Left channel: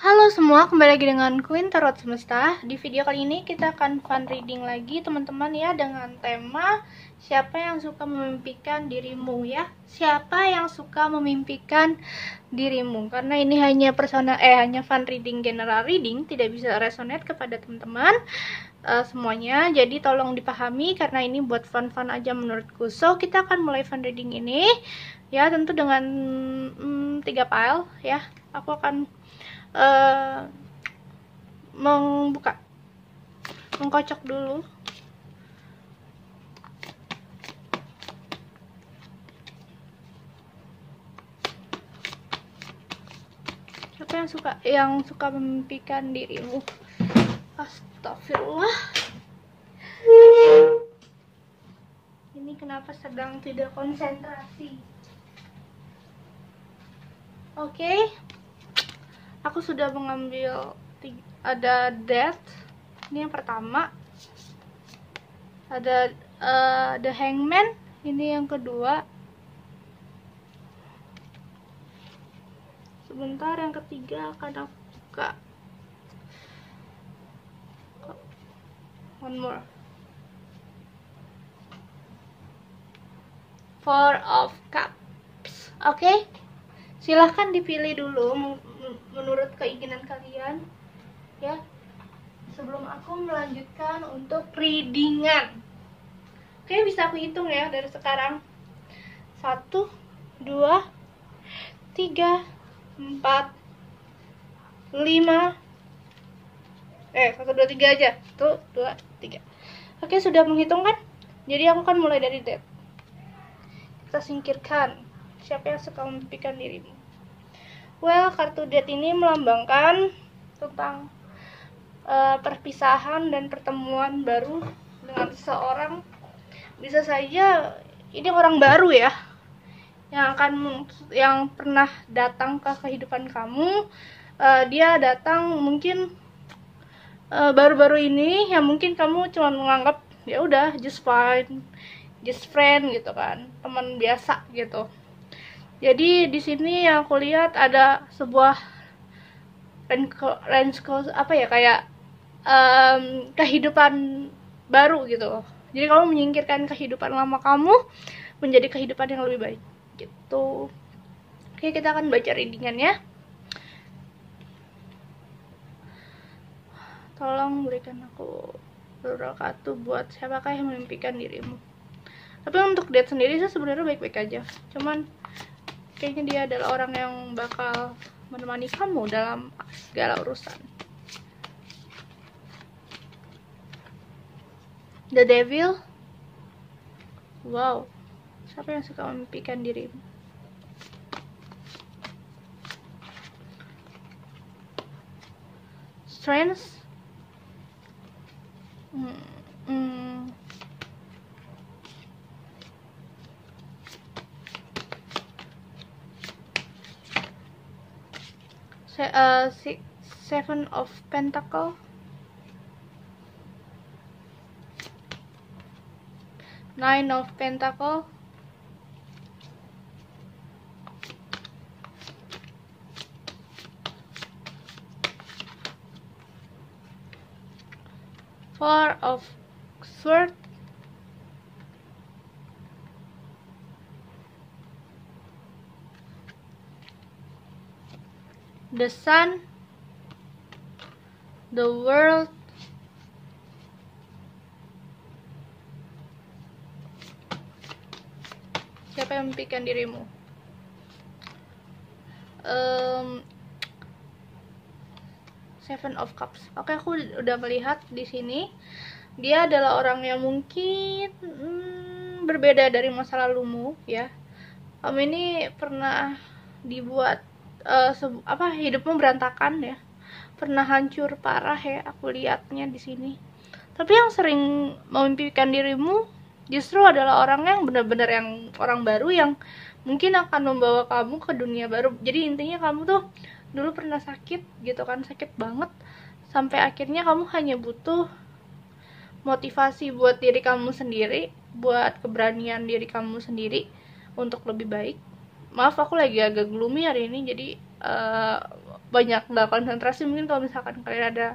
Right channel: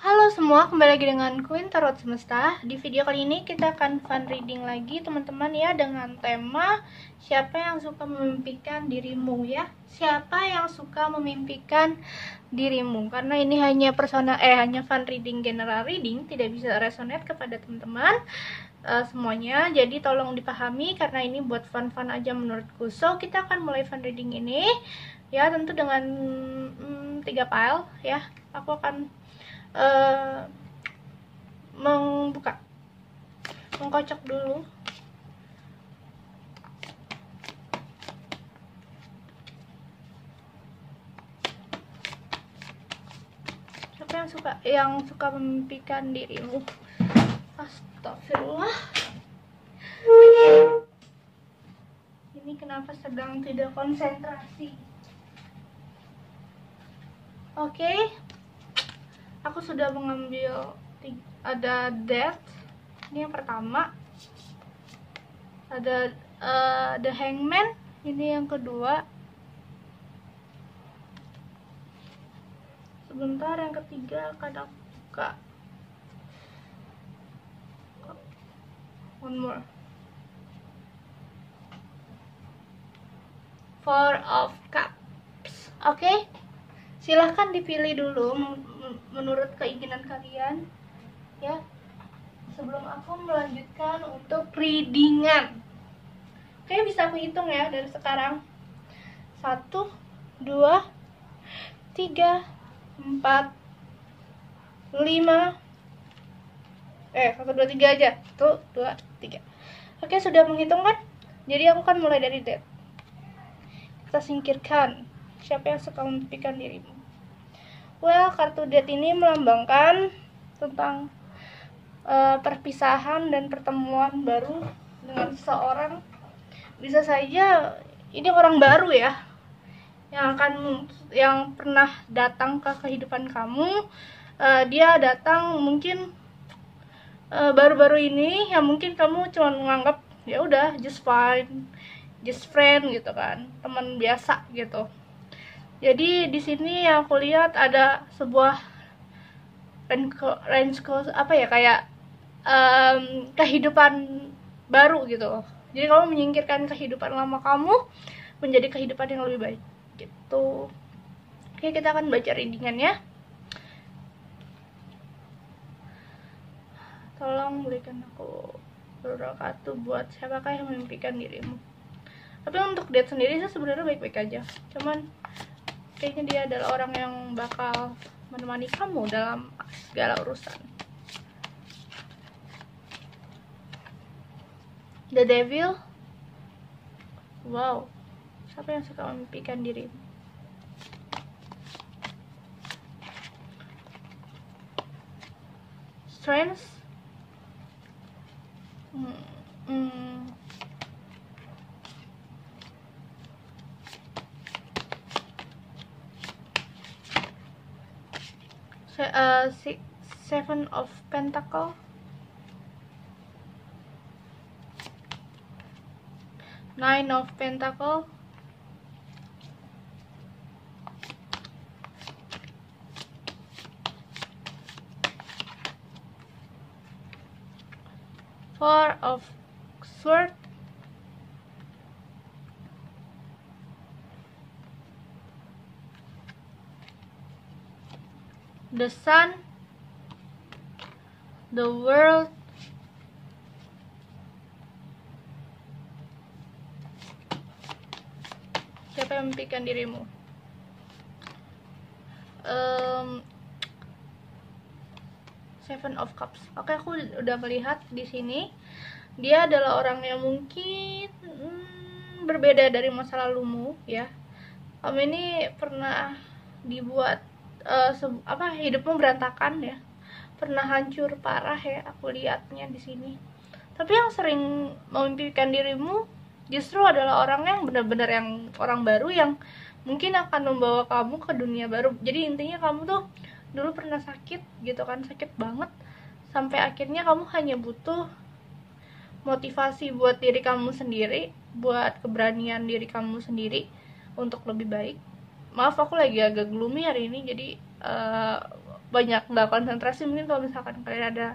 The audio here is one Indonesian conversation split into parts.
Halo semua, kembali lagi dengan Queen Tarot Semesta. Di video kali ini kita akan fun reading lagi teman-teman ya, dengan tema siapa yang suka memimpikan dirimu ya. Siapa yang suka memimpikan dirimu? Karena ini hanya hanya fun reading, general reading, tidak bisa resonate kepada teman-teman semuanya. Jadi tolong dipahami karena ini buat fun-fun aja menurutku. So, kita akan mulai fun reading ini ya, tentu dengan 3 pile ya. Aku akan mengkocok dulu. Siapa yang suka memimpikan dirimu? Astagfirullah. Ini kenapa sedang tidak konsentrasi? Oke. Aku sudah mengambil ada Death, ini yang pertama. Ada The Hangman, ini yang kedua. Sebentar, yang ketiga akan aku buka. One more. Four of Cups. Oke. Silahkan dipilih dulu menurut keinginan kalian ya, sebelum aku melanjutkan untuk readingan. Oke, bisa aku hitung ya dari sekarang. 1, 2, 3, 4, 5. 1, 2, 3 aja. 1, 2, 3. Oke, sudah menghitung kan? Jadi aku kan mulai dari Death. Kita singkirkan siapa yang suka memimpikan dirimu. Well, kartu Death ini melambangkan tentang perpisahan dan pertemuan baru dengan seseorang. Bisa saja ini orang baru ya, yang pernah datang ke kehidupan kamu. Dia datang mungkin baru-baru ini, yang mungkin kamu cuma menganggap ya udah just fine, just friend gitu kan, teman biasa gitu. Jadi di sini yang aku lihat ada sebuah kayak kehidupan baru gitu. Jadi kamu menyingkirkan kehidupan lama kamu menjadi kehidupan yang lebih baik gitu. Oke, kita akan baca readingan ya. Tolong berikan aku beberapa kartu buat siapakah yang memimpikan dirimu. Tapi untuk Death sendiri saya sebenarnya baik-baik aja, cuman kayaknya dia adalah orang yang bakal menemani kamu dalam segala urusan. The Devil. Wow, siapa yang suka memimpikan dirimu? Strength. Seven of Pentacle. Nine of Pentacle. Four of Swords. The Sun. The World. Siapa yang memimpikan dirimu? Seven of Cups. Oke, aku udah melihat di sini dia adalah orang yang mungkin berbeda dari masa lalumu ya. Kamu ini pernah dibuat hidupmu berantakan ya, pernah hancur parah ya, aku lihatnya di sini. Tapi yang sering memimpikan dirimu justru adalah orang yang benar-benar yang orang baru yang mungkin akan membawa kamu ke dunia baru. Jadi intinya kamu tuh dulu pernah sakit gitu kan, sakit banget, sampai akhirnya kamu hanya butuh motivasi buat diri kamu sendiri, buat keberanian diri kamu sendiri untuk lebih baik. Maaf, aku lagi agak gloomy hari ini, jadi banyak nggak konsentrasi. Mungkin kalau misalkan kalian ada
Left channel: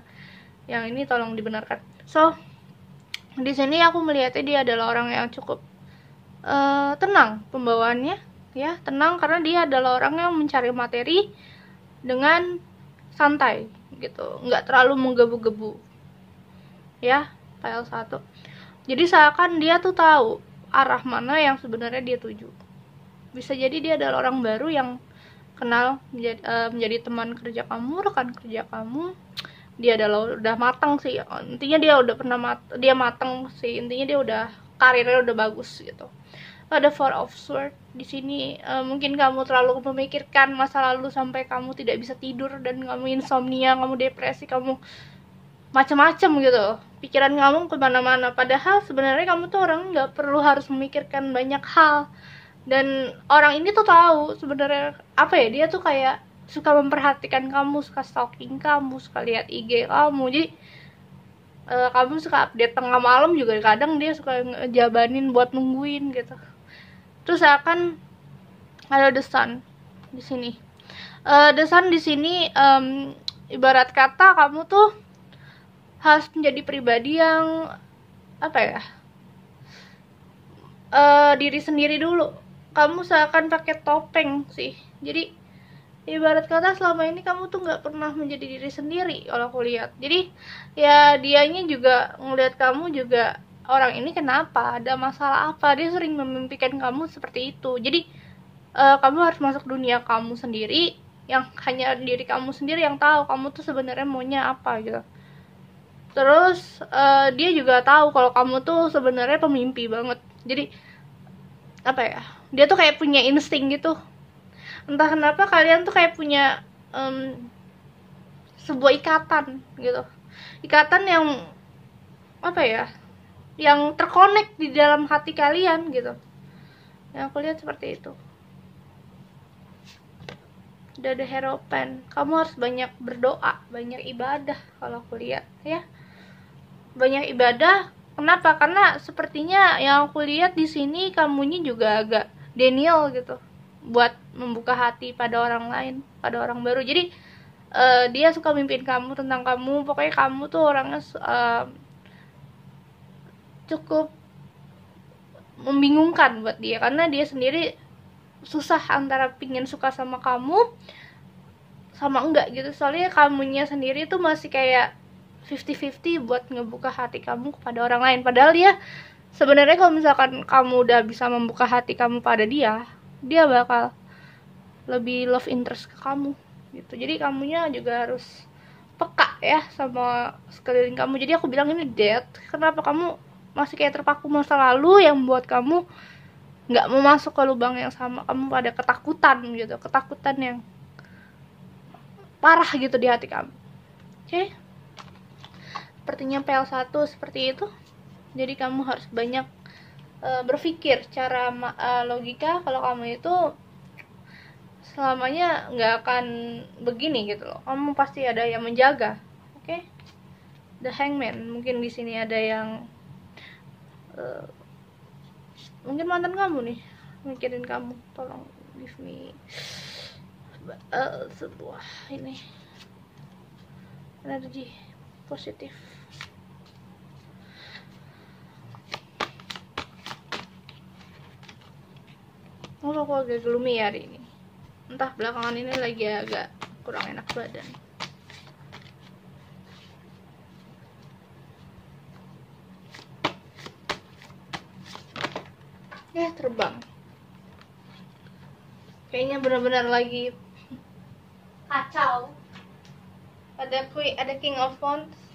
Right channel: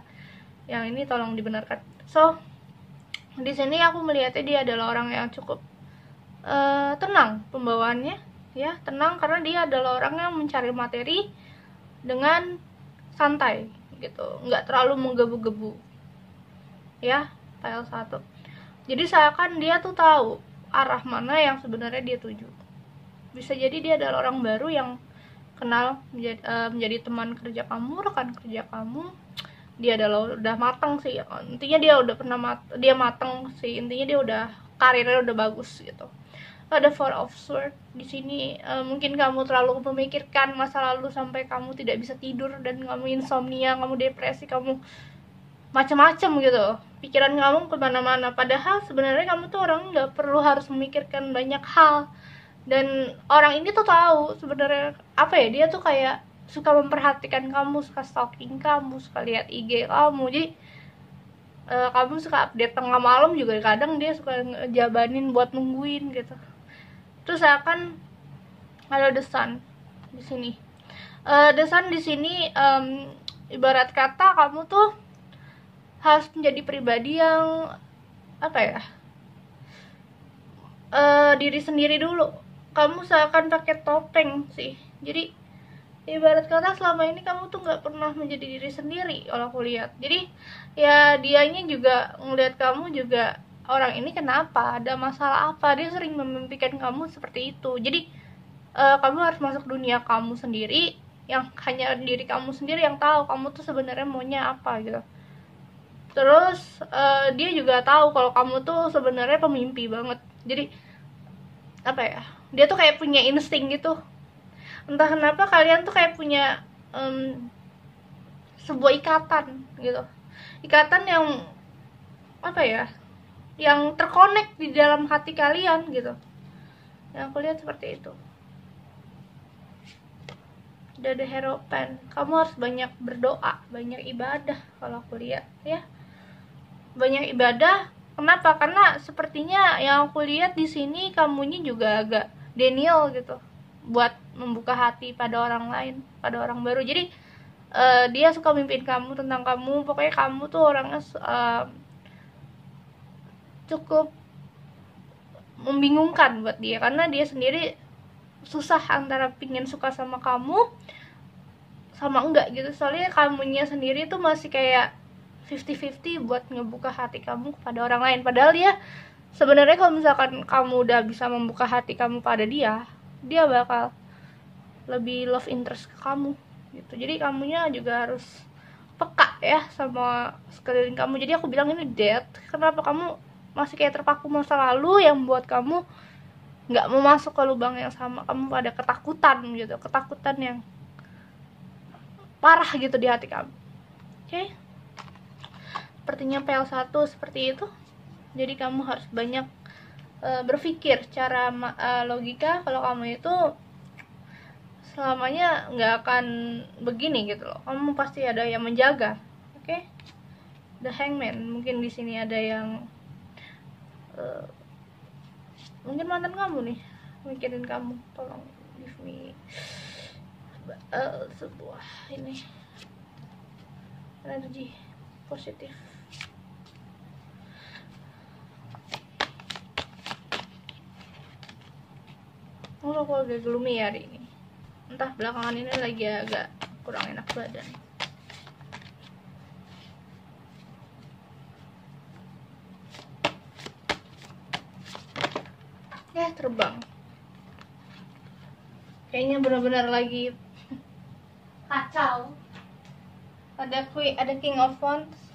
yang ini tolong dibenarkan. So di sini aku melihatnya dia adalah orang yang cukup tenang pembawaannya, ya, tenang karena dia adalah orang yang mencari materi dengan santai gitu, nggak terlalu menggebu-gebu, ya, file 1. Jadi seakan dia tuh tahu arah mana yang sebenarnya dia tuju. Bisa jadi dia adalah orang baru yang kenal menjadi teman kerja kamu, rekan kerja kamu. Dia adalah udah matang sih, intinya dia udah pernah dia matang sih, intinya dia udah karirnya udah bagus gitu. Ada Four of Swords di sini. Mungkin kamu terlalu memikirkan masa lalu sampai kamu tidak bisa tidur dan kamu insomnia, kamu depresi, kamu macam-macam gitu. Pikiran kamu kemana-mana. Padahal sebenarnya kamu tuh orang nggak perlu harus memikirkan banyak hal. Dan orang ini tuh tahu sebenarnya apa ya, dia tuh kayak suka memperhatikan kamu, suka stalking kamu, suka lihat IG kamu. Jadi kamu suka update tengah malam juga kadang dia suka ngejabanin buat nungguin gitu. Terus akan ada The Sun di sini. The Sun di sini ibarat kata kamu tuh harus menjadi pribadi yang apa ya, diri sendiri dulu. Kamu seakan pakai topeng sih. Jadi ibarat kata selama ini kamu tuh nggak pernah menjadi diri sendiri kalau aku lihat. Jadi ya dianya juga ngelihat kamu juga, orang ini kenapa, ada masalah apa, dia sering memimpikan kamu seperti itu. Jadi kamu harus masuk dunia kamu sendiri, yang hanya diri kamu sendiri yang tahu kamu tuh sebenarnya maunya apa gitu. Terus dia juga tahu kalau kamu tuh sebenarnya pemimpi banget. Jadi apa ya, dia tuh kayak punya insting gitu. Entah kenapa kalian tuh kayak punya sebuah ikatan gitu, ikatan yang apa ya, yang terkonek di dalam hati kalian gitu. Yang aku lihat seperti itu. Udah ada Hierophant. Kamu harus banyak berdoa, banyak ibadah kalau aku lihat ya. Banyak ibadah. Kenapa? Karena sepertinya yang aku lihat di sini kamunya juga agak denial gitu buat membuka hati pada orang lain, pada orang baru. Jadi dia suka mimpin kamu tentang kamu. Pokoknya kamu tuh orangnya cukup membingungkan buat dia, karena dia sendiri susah antara pingin suka sama kamu sama enggak gitu. Soalnya kamunya sendiri tuh masih kayak 50-50 buat ngebuka hati kamu kepada orang lain. Padahal dia sebenarnya kalau misalkan kamu udah bisa membuka hati kamu pada dia, dia bakal lebih love interest ke kamu gitu. Jadi kamunya juga harus peka ya sama sekeliling kamu. Jadi aku bilang ini death. Kenapa kamu masih kayak terpaku masa lalu yang buat kamu nggak mau masuk ke lubang yang sama. Kamu pada ketakutan gitu, ketakutan yang parah gitu di hati kamu. Oke? Sepertinya PL1 seperti itu. Jadi kamu harus banyak berpikir secara logika. Kalau kamu itu selamanya nggak akan begini gitu loh. Kamu pasti ada yang menjaga. Oke? The Hangman. Mungkin di sini ada yang mungkin mantan kamu nih, mikirin kamu. Tolong give me sebuah ini energi positif. Oh, aku agak gloomy hari ini. Entah belakangan ini lagi agak kurang enak badan. Ya, terbang. Kayaknya benar-benar lagi kacau. Ada King of Wands.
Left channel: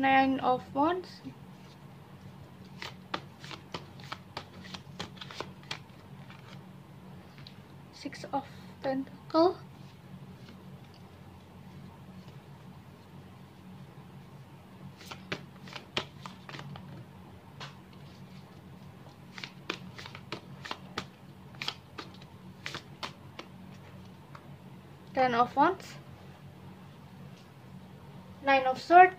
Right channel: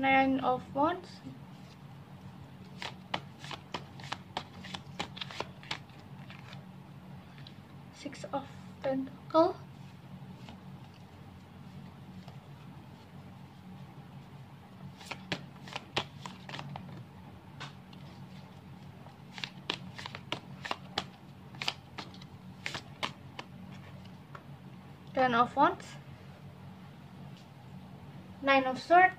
Nine of Wands. Six of Pentacles. Ten of Wands. Nine of Swords.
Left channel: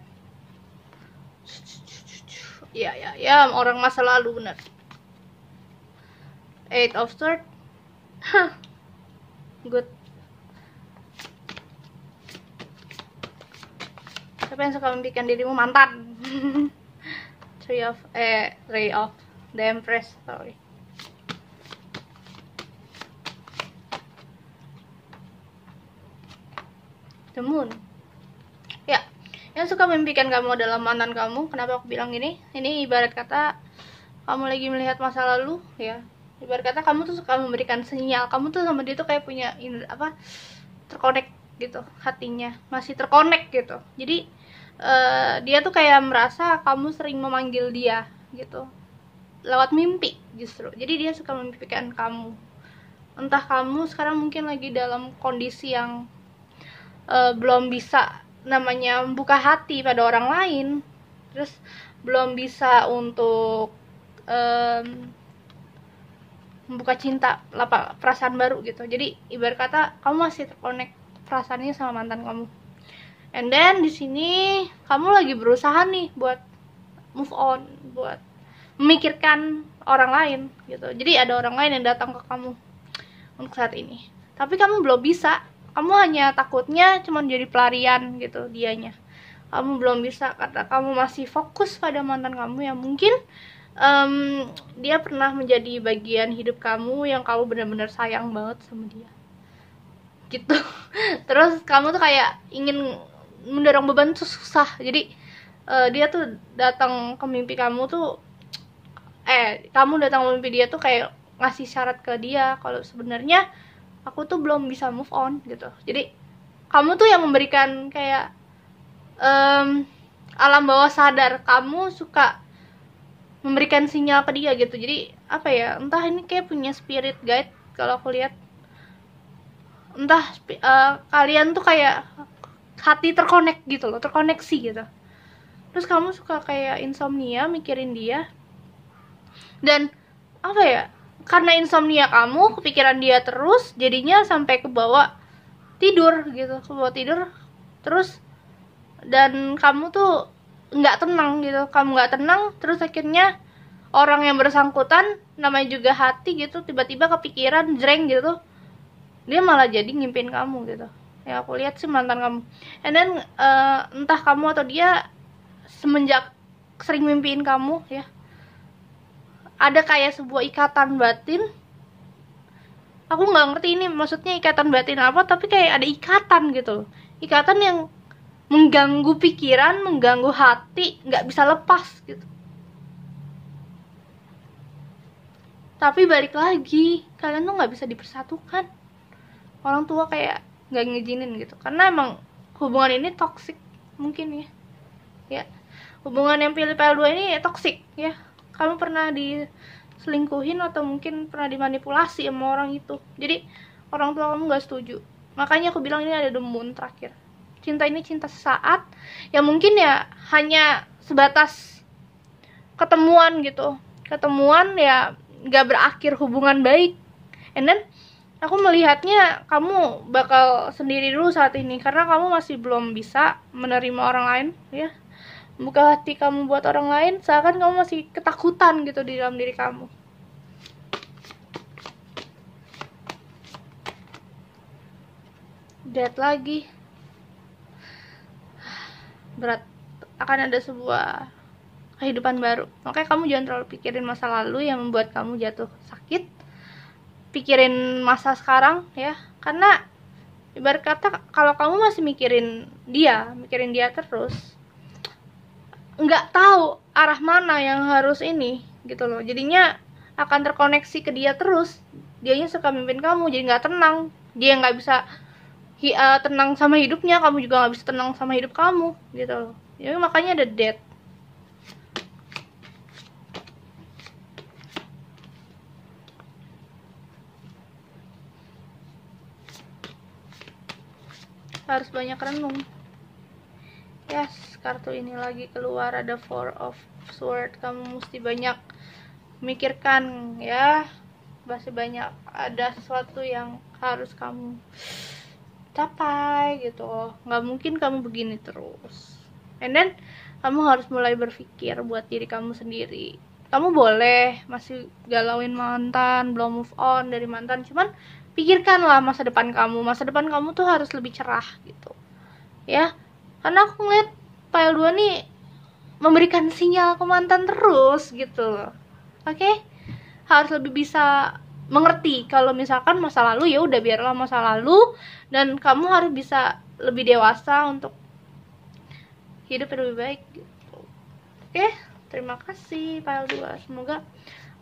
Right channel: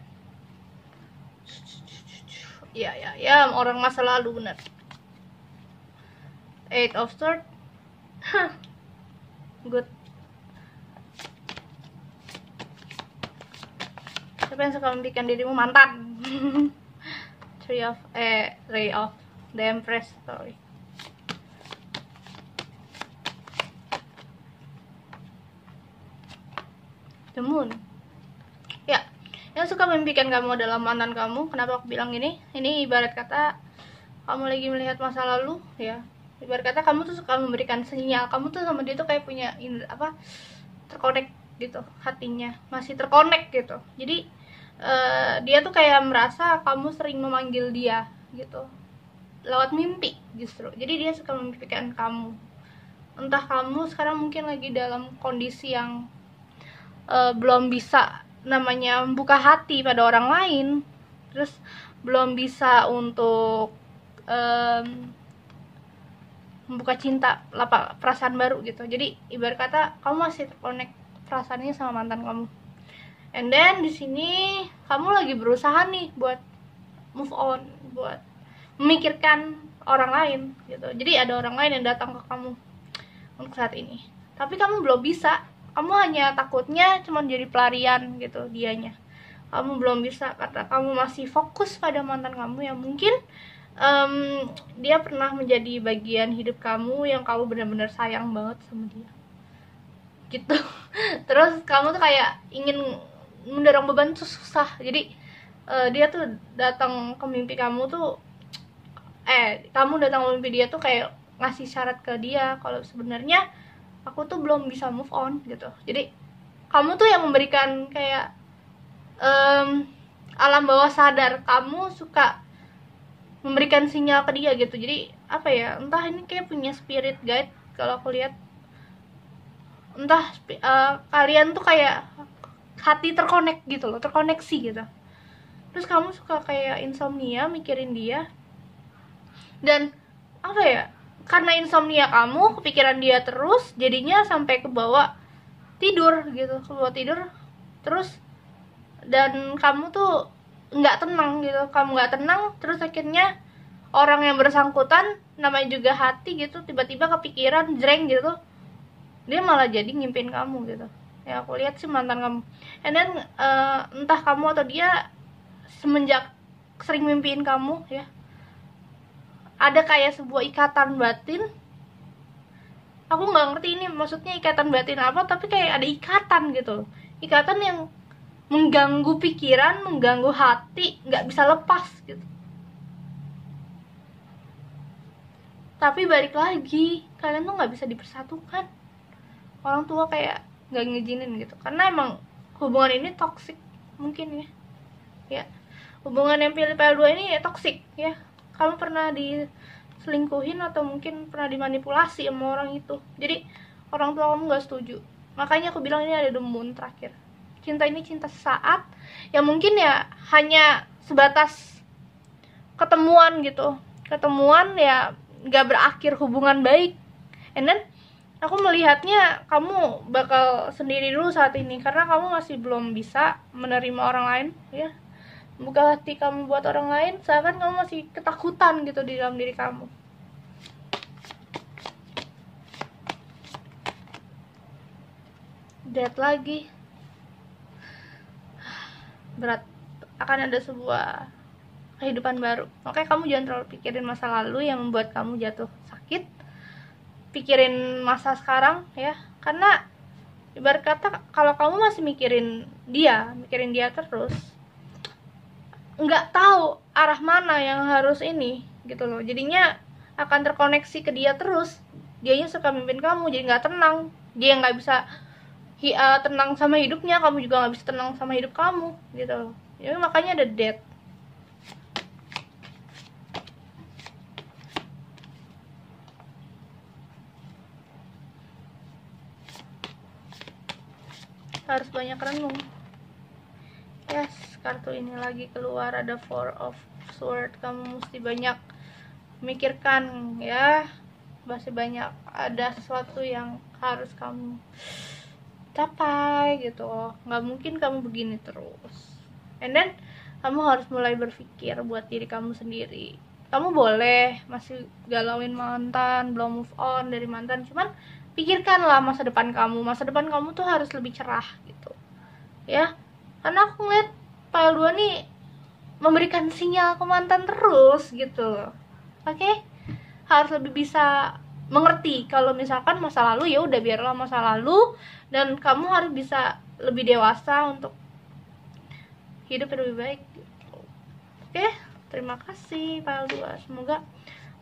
Ya, orang masa lalu bener. Eight of Swords. Good. Siapa yang suka membikin dirimu mantan? Ray of the Empress, sorry. The Moon. Ya, yang suka memimpikan kamu adalah mantan kamu. Kenapa aku bilang ini? Ini ibarat kata kamu lagi melihat masa lalu, ya. Ibarat kata kamu tuh suka memberikan sinyal. Kamu tuh sama dia tuh kayak punya terkonek gitu, hatinya masih terkonek gitu. Jadi dia tuh kayak merasa kamu sering memanggil dia gitu lewat mimpi justru. Jadi dia suka memimpikan kamu. Entah kamu sekarang mungkin lagi dalam kondisi yang belum bisa namanya membuka hati pada orang lain, terus belum bisa untuk membuka cinta, perasaan baru gitu. Jadi ibarat kata kamu masih terkonek perasaannya sama mantan kamu. And then di sini kamu lagi berusaha nih buat move on, buat memikirkan orang lain gitu. Jadi ada orang lain yang datang ke kamu untuk saat ini, tapi kamu belum bisa. Kamu hanya takutnya cuma jadi pelarian gitu dianya. Kamu belum bisa karena kamu masih fokus pada mantan kamu yang mungkin dia pernah menjadi bagian hidup kamu yang kamu benar-benar sayang banget sama dia gitu. Terus kamu tuh kayak ingin mendorong beban tuh susah. Jadi dia tuh datang ke mimpi kamu tuh kamu datang ke mimpi dia tuh kayak ngasih syarat ke dia kalau sebenarnya aku tuh belum bisa move on gitu. Jadi kamu tuh yang memberikan kayak alam bawah sadar kamu suka memberikan sinyal ke dia gitu. Jadi apa ya, entah ini kayak punya spirit guide kalau aku lihat. Entah kalian tuh kayak hati terkonek gitu loh, terkoneksi gitu. Terus kamu suka kayak insomnia mikirin dia. Dan apa ya, karena insomnia kamu kepikiran dia terus, jadinya sampai ke bawah tidur gitu, ke bawah tidur terus. Dan kamu tuh nggak tenang gitu, kamu nggak tenang. Terus akhirnya orang yang bersangkutan namanya juga hati gitu, tiba-tiba kepikiran jreng gitu, dia malah jadi ngimpin kamu gitu. Ya aku lihat sih mantan kamu. And then entah kamu atau dia semenjak sering mimpiin kamu ya, ada kayak sebuah ikatan batin. Aku nggak ngerti ini maksudnya ikatan batin apa, tapi kayak ada ikatan gitu, ikatan yang mengganggu pikiran, mengganggu hati, nggak bisa lepas gitu. Tapi balik lagi, kalian tuh nggak bisa dipersatukan. Orang tua kayak nggak ngizinin gitu, karena emang hubungan ini toksik mungkin ya. Hubungan yang pilih-pilih dua ini toksik ya. Kamu pernah diselingkuhin atau mungkin pernah dimanipulasi sama orang itu. Jadi orang tua kamu nggak setuju. Makanya aku bilang ini ada The Moon terakhir. Cinta ini cinta sesaat, yang mungkin ya hanya sebatas ketemuan gitu. Ketemuan ya nggak berakhir hubungan baik. And then aku melihatnya kamu bakal sendiri dulu saat ini, karena kamu masih belum bisa menerima orang lain ya. Buka hati kamu buat orang lain, seakan kamu masih ketakutan gitu di dalam diri kamu. Lihat lagi, berat, akan ada sebuah kehidupan baru. Makanya kamu jangan terlalu pikirin masa lalu yang membuat kamu jatuh sakit. Pikirin masa sekarang ya, karena ibarat kata kalau kamu masih mikirin dia terus, nggak tahu arah mana yang harus ini gitu loh. Jadinya akan terkoneksi ke dia terus. Dianya suka mimpin kamu, jadi nggak tenang. Dia nggak bisa tenang sama hidupnya, kamu juga nggak bisa tenang sama hidup kamu gitu loh. Jadi makanya ada death. Harus banyak renung. Yes, kartu ini lagi keluar, ada Four of Swords. Kamu mesti banyak memikirkan ya, masih banyak ada sesuatu yang harus kamu capai gitu loh. Nggak mungkin kamu begini terus. And then Kamu harus mulai berpikir buat diri kamu sendiri. Kamu boleh masih galauin mantan, belum move on dari mantan, cuman pikirkanlah masa depan kamu. Masa depan kamu tuh harus lebih cerah gitu ya. Karena aku ngeliat file 2 nih memberikan sinyal ke mantan terus gitu loh. Oke? Harus lebih bisa mengerti kalau misalkan masa lalu ya udah biarlah masa lalu, dan kamu harus bisa lebih dewasa untuk hidup lebih baik gitu. Oke, terima kasih file 2. Semoga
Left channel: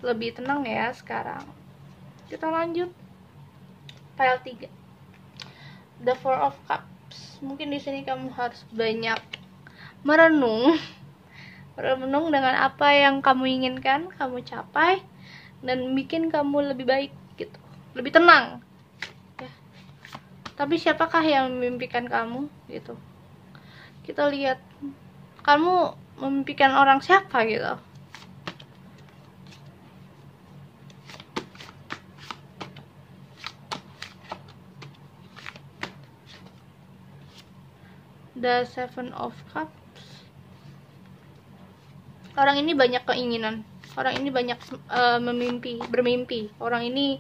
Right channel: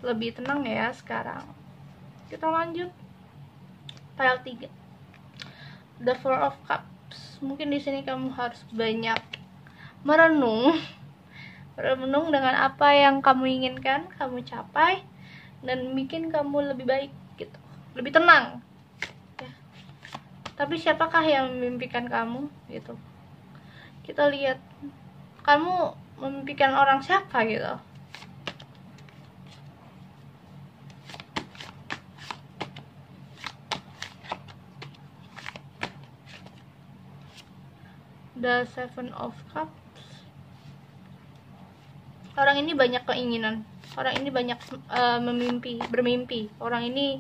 lebih tenang ya sekarang. Kita lanjut file 3. The Four of Cups. Mungkin di sini kamu harus banyak merenung. Merenung dengan apa yang kamu inginkan kamu capai dan bikin kamu lebih baik gitu. Lebih tenang. Ya. Tapi siapakah yang memimpikan kamu gitu? Kita lihat kamu memimpikan orang siapa gitu. The Seven of Cups. Orang ini banyak keinginan. Orang ini banyak bermimpi. Orang ini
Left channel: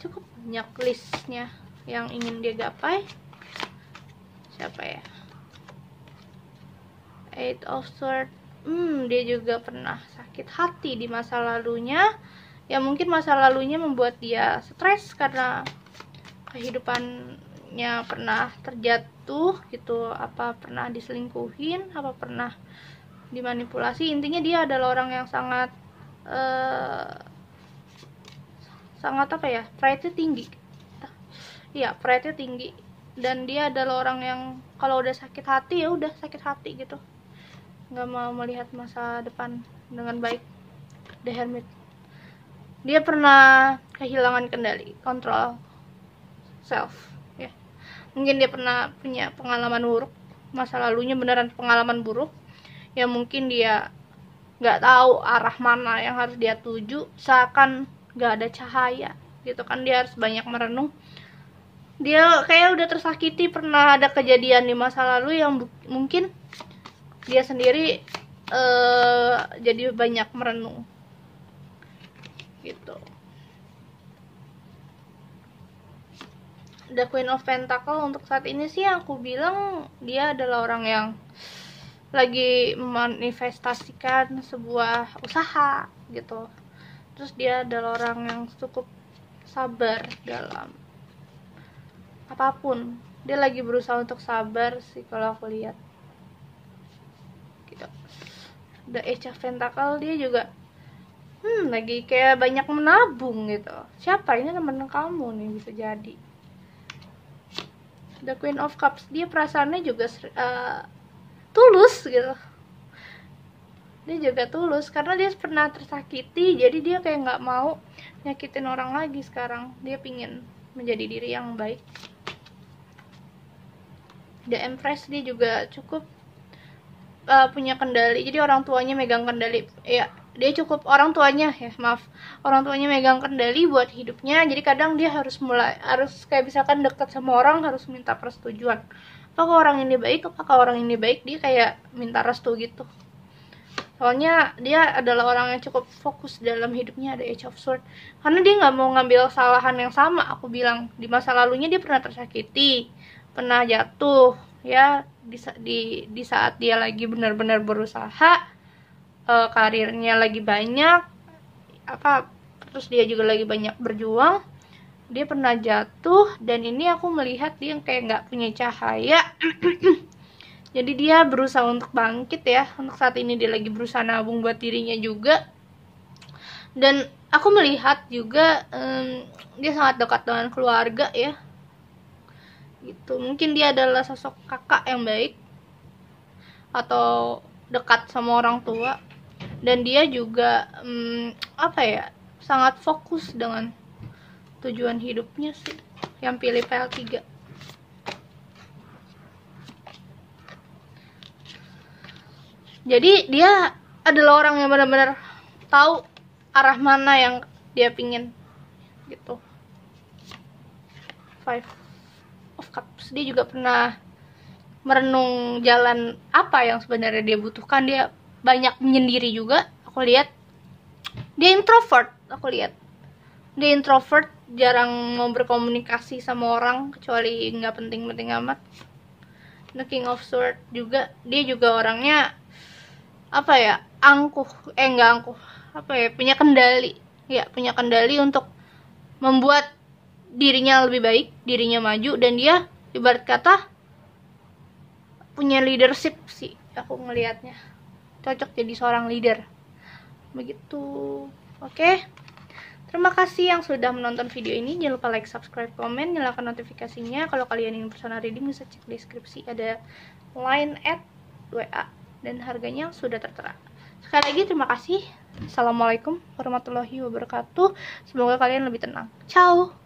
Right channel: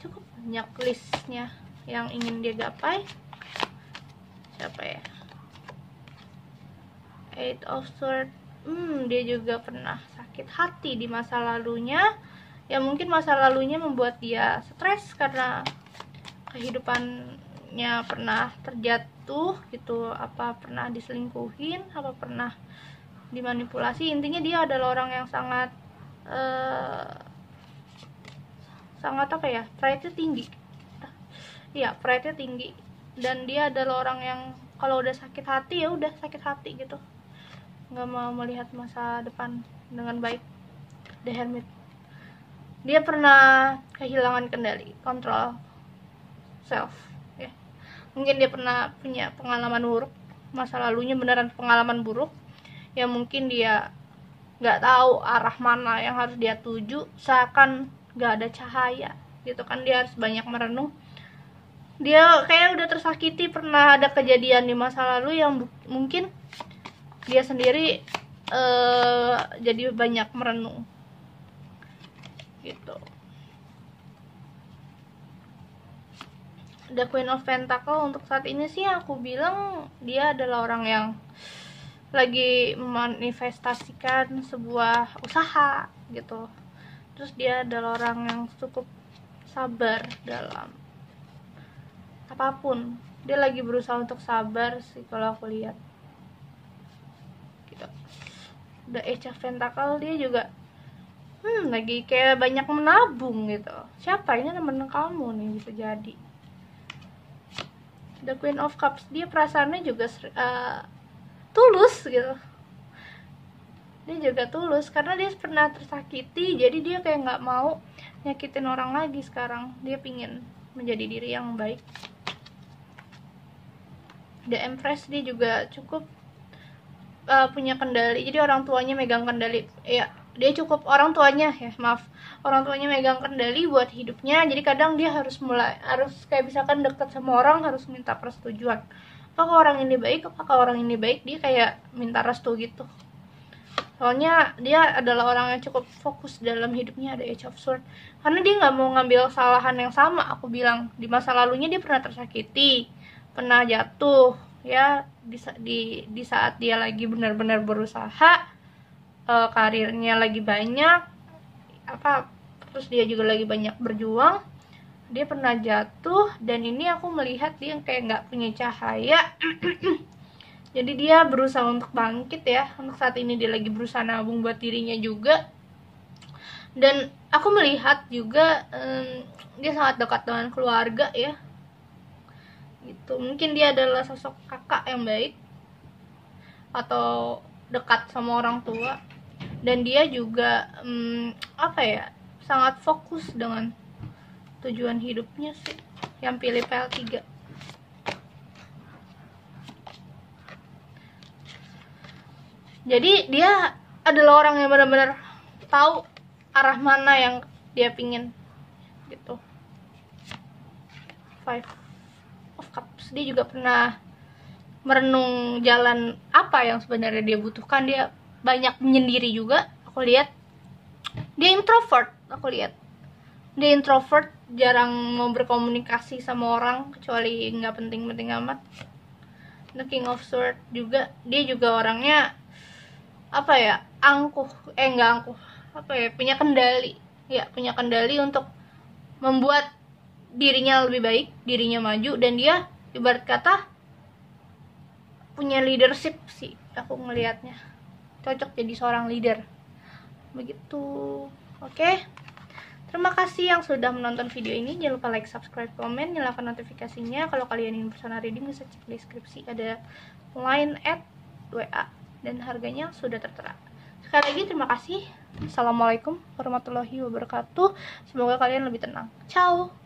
cukup banyak listnya yang ingin dia gapai. Siapa ya? Eight of Swords. Dia juga pernah sakit hati di masa lalunya. Ya mungkin masa lalunya membuat dia stres karena kehidupannya pernah terjatuh gitu, apa pernah diselingkuhin, apa pernah dimanipulasi. Intinya dia adalah orang yang sangat apa ya, pride-nya tinggi. Iya, pride-nya tinggi. Dan dia adalah orang yang kalau udah sakit hati ya udah sakit hati gitu, nggak mau melihat masa depan dengan baik. The Hermit. Dia pernah kehilangan kendali, kontrol self ya. Mungkin dia pernah punya pengalaman buruk, masa lalunya beneran pengalaman buruk ya. Mungkin dia nggak tahu arah mana yang harus dia tuju, seakan nggak ada cahaya gitu kan. Dia harus banyak merenung. Dia kayak udah tersakiti, pernah ada kejadian di masa lalu yang mungkin dia sendiri jadi banyak merenung gitu. The Queen of Pentacle untuk saat ini sih aku bilang dia adalah orang yang lagi memanifestasikan sebuah usaha gitu. Terus dia adalah orang yang cukup sabar dalam apapun. Dia lagi berusaha untuk sabar sih kalau aku lihat gitu. The Age of Pentacle, dia juga lagi kayak banyak menabung gitu. Siapa ini? Temen kamu nih, bisa jadi. The Queen of Cups, dia perasaannya juga tulus gitu. Dia juga tulus karena dia pernah tersakiti, jadi dia kayak nggak mau nyakitin orang lagi. Sekarang dia pingin menjadi diri yang baik. The Empress, dia juga cukup punya kendali, jadi orang tuanya megang kendali ya. Dia cukup orang tuanya megang kendali buat hidupnya. Jadi kadang dia harus kayak misalkan deket sama orang harus minta persetujuan. Apakah orang ini baik, dia kayak minta restu gitu. Soalnya dia adalah orang yang cukup fokus dalam hidupnya. Ada Age of Swords, karena dia nggak mau ngambil kesalahan yang sama. Aku bilang di masa lalunya dia pernah tersakiti, pernah jatuh ya, di saat dia lagi benar-benar berusaha, karirnya lagi banyak terus dia juga lagi banyak berjuang, dia pernah jatuh. Dan ini aku melihat dia kayak nggak punya cahaya. Jadi dia berusaha untuk bangkit ya. Untuk saat ini dia lagi berusaha nabung buat dirinya juga. Dan aku melihat juga dia sangat dekat dengan keluarga ya gitu. Mungkin dia adalah sosok kakak yang baik atau dekat sama orang tua. Dan dia juga sangat fokus dengan tujuan hidupnya sih, yang pilih PL3. Jadi dia adalah orang yang benar-benar tahu arah mana yang dia pingin gitu. Five of Cups, dia juga pernah merenung jalan apa yang sebenarnya dia butuhkan. Dia banyak menyendiri juga, aku lihat. Dia introvert, jarang mau berkomunikasi sama orang kecuali nggak penting-penting amat. The King of Swords juga, dia juga orangnya apa ya, nggak angkuh, apa ya, punya kendali untuk membuat dirinya lebih baik, dirinya maju, dan dia ibarat kata punya leadership sih, aku ngelihatnya cocok jadi seorang leader begitu. Oke. Terima kasih yang sudah menonton video ini. Jangan lupa like, subscribe, komen, nyalakan notifikasinya. Kalau kalian ingin personal reading bisa cek deskripsi, ada line @WA dan harganya sudah tertera. Sekali lagi terima kasih. Assalamualaikum warahmatullahi wabarakatuh. Semoga kalian lebih tenang. Ciao.